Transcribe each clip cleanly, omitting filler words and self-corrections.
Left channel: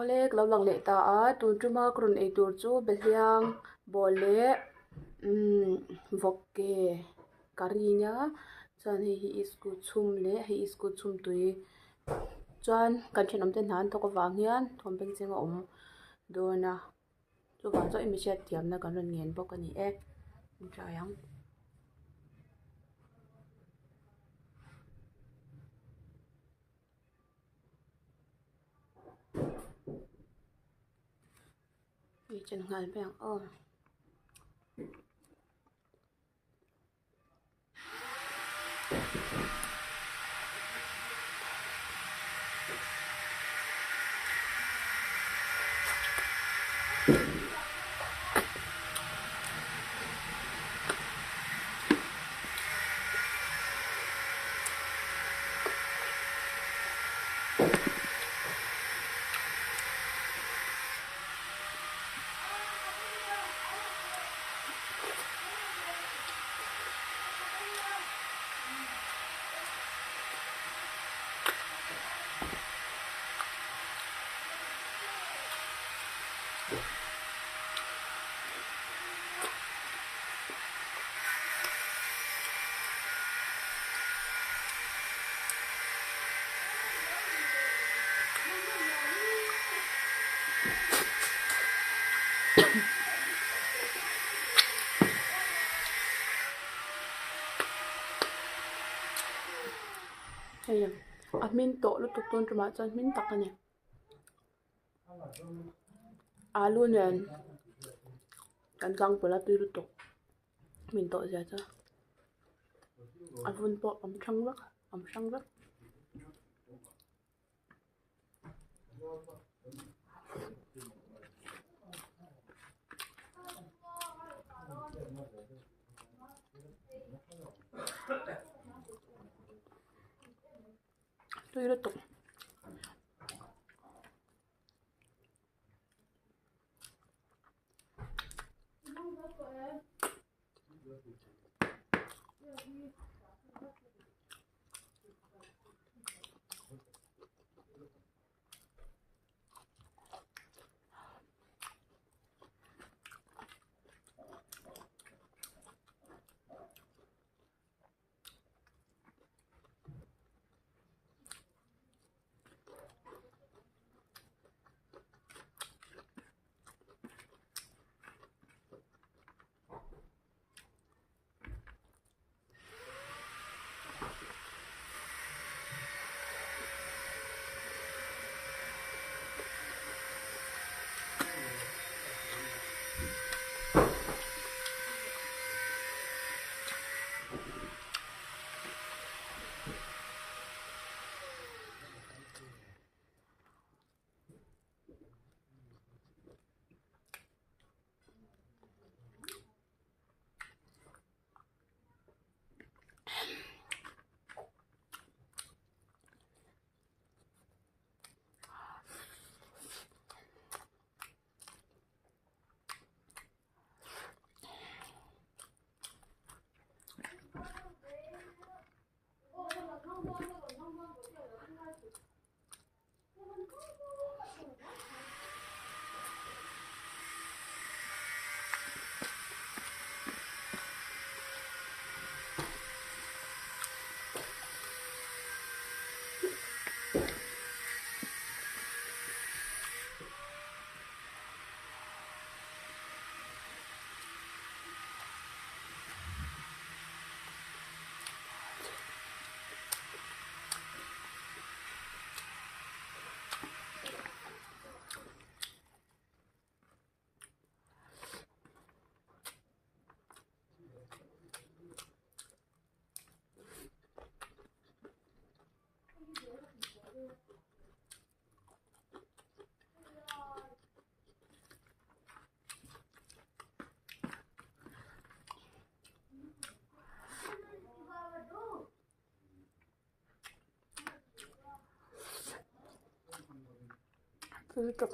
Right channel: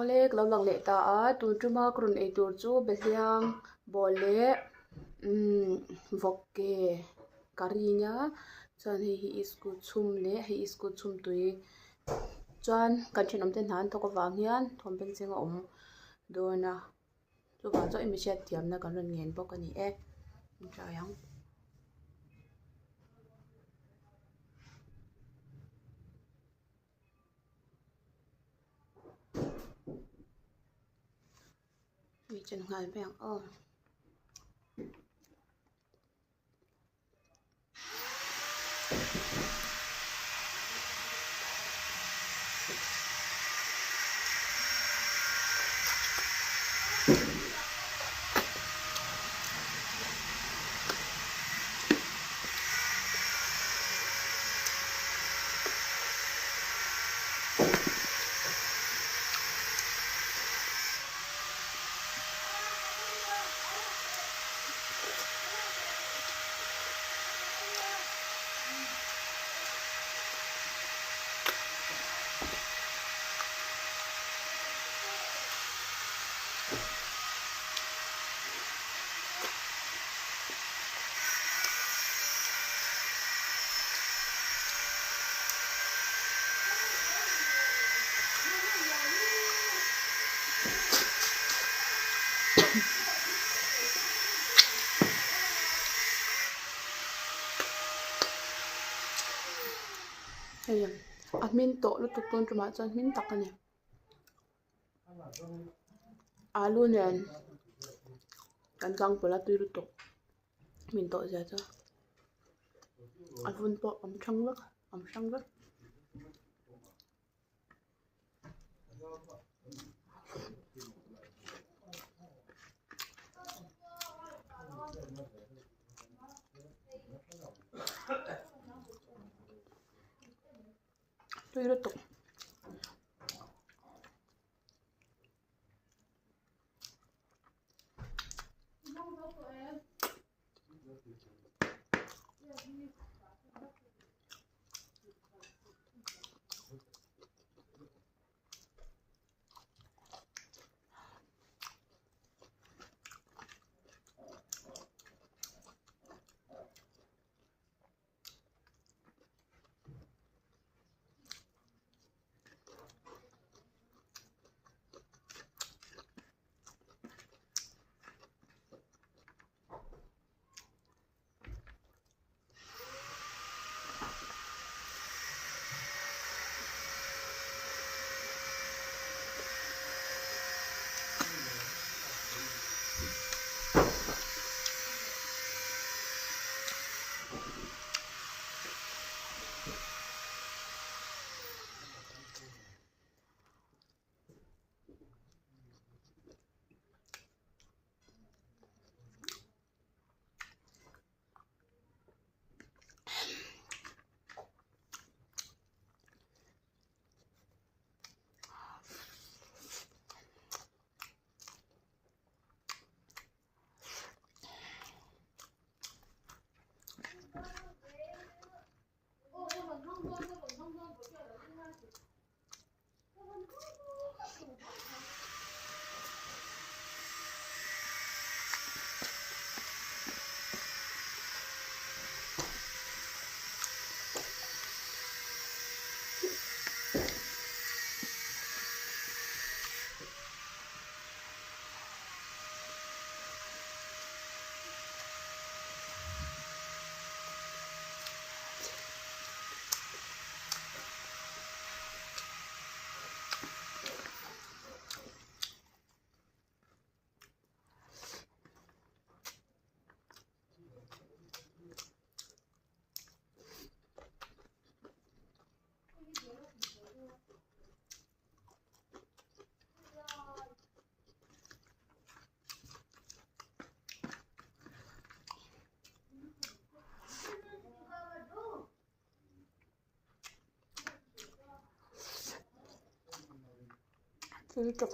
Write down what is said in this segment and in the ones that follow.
Olek lo lang le ta a tun tuma krun ei tur chu bethliang bol le vokke kari nya chuan hi school chhum le hi school chhum tui chuan kan thinom te hnan thawk awang hian thawmpen chenga awm dawna chuvah chaw emi hriat thiamna kan rawn nghen bawk ani e trai ang mi chen ngal beng oh hei a hmin tawh lutuk tun tuma chuan hmin tak ani alu nen kan tlang pawlh a tui lutuk hmin tawh zia chuan a vun pawh am hrang vek tui lutuk tui lutuk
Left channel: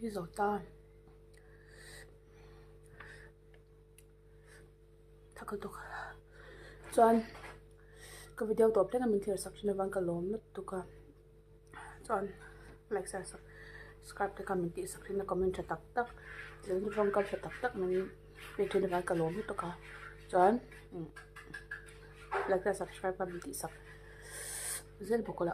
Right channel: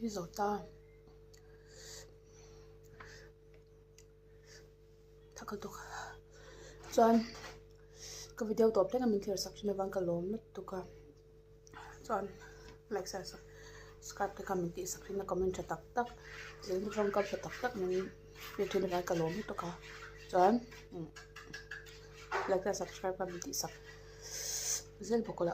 Risotto. Thakal chuan ka video top tena min thir sak thina wang ka lom na tuka chuan like sa subscribe te ka min ti sak thina comment tha tak tak zel ni wang ka tak tak min pe thina wang ka lom tuka chuan like sa subscribe ka min ti sak zel bokola